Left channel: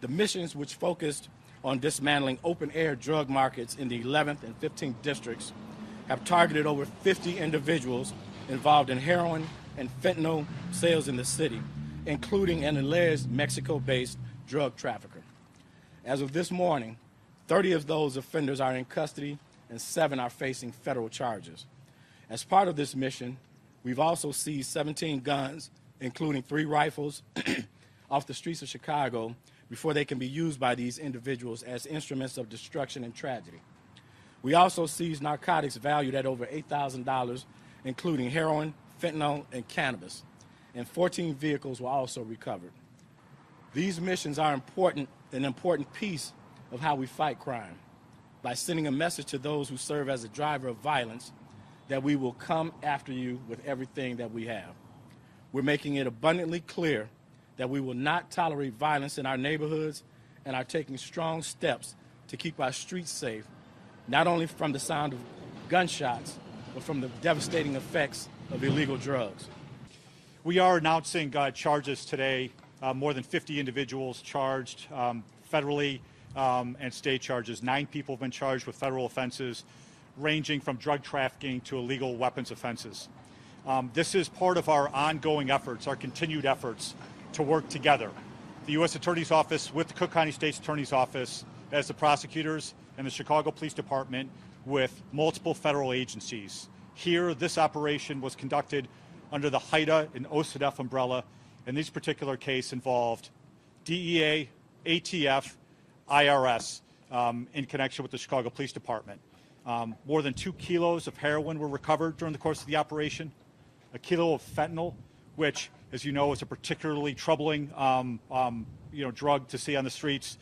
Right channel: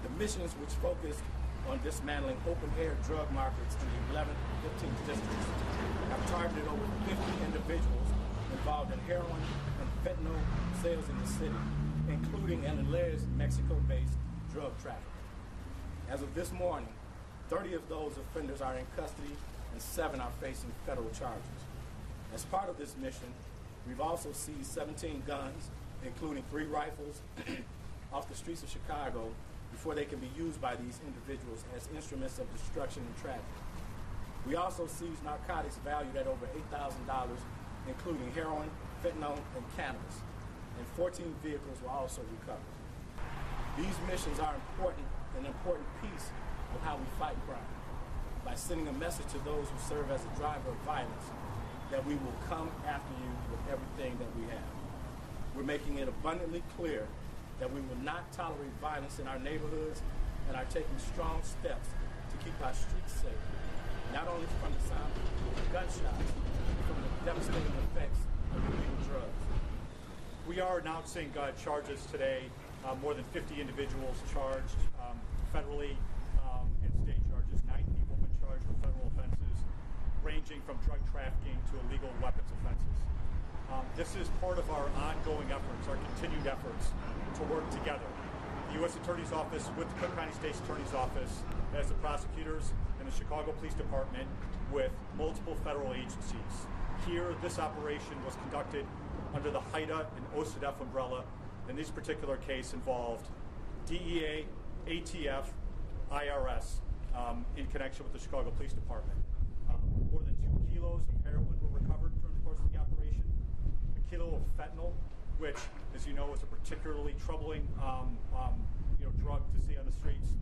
The missions, which focused on dismantling open-air drug markets in the 11th and 15th districts, have targeted over 50 individuals involved in heroin and fentanyl sales in the city, including an alleged Mexico-based drug trafficker. As of this morning, 30 of those offenders are in custody and 7 are facing federal charges. As part of this mission, we've also seized 17 guns, including 3 rifles, off the streets of Chicago before they can be used by these individuals as instruments of destruction and tragedy. We also seized narcotics valued at over $8,000, including heroin, fentanyl, and cannabis, and 14 vehicles were also recovered. These missions are an important piece of how we fight crime, by sending a message to those who serve as a driver of violence that we will come after you with everything that we have. We're making it abundantly clear that we will not tolerate violence in our neighborhoods and are taking strong steps to keep our streets safe, not only from the sound of gunshots, but from the devastating effects of illegal drugs. We are announcing charges today, more than 50 individuals charged federally and state charges. 9 people have been charged with federal offenses ranging from drug trafficking to illegal weapons offenses. This is part of our ongoing efforts, our continued efforts to work together. The U.S. Attorney's Office with the Cook County State's Attorney's Office as the prosecutors and the Chicago Police Department with multiple federal agencies. Here, this operation was conducted under the HIDA and OCDETF umbrella, and this particular case involved DEA, ATF, IRS in connection with the Chicago Police Department. More than 2 kilos of heroin were recovered during the course of the operation, a kilo of fentanyl, which, as you know, is a particularly troubling drug to see on the streets,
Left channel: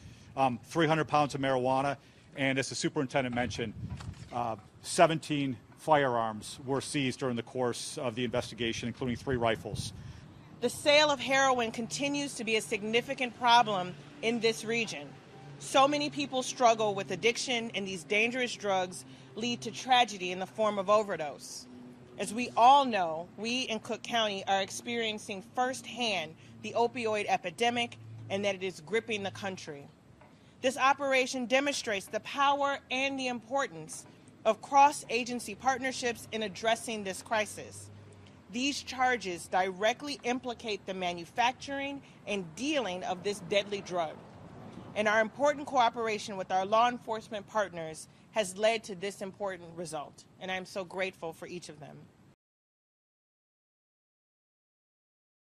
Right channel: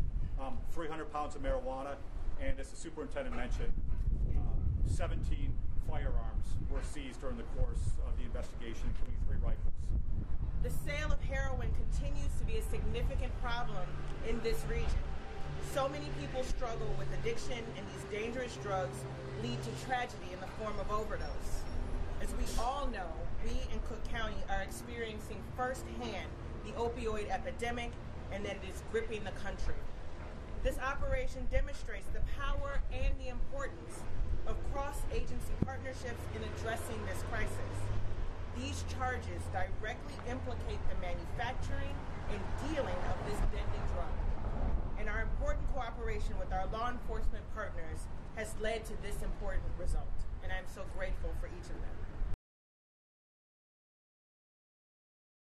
300 pounds of marijuana, and as the superintendent mentioned, 17 firearms were seized during the course of the investigation, including 3 rifles. The sale of heroin continues to be a significant problem in this region. So many people struggle with addiction, and these dangerous drugs lead to tragedy in the form of overdose. As we all know, we in Cook County are experiencing firsthand the opioid epidemic and that it is gripping the country. This operation demonstrates the power and the importance of cross-agency partnerships in addressing this crisis. These charges directly implicate the manufacturing and dealing of this deadly drug, and our important cooperation with our law enforcement partners has led to this important result, and I'm so grateful for each of them.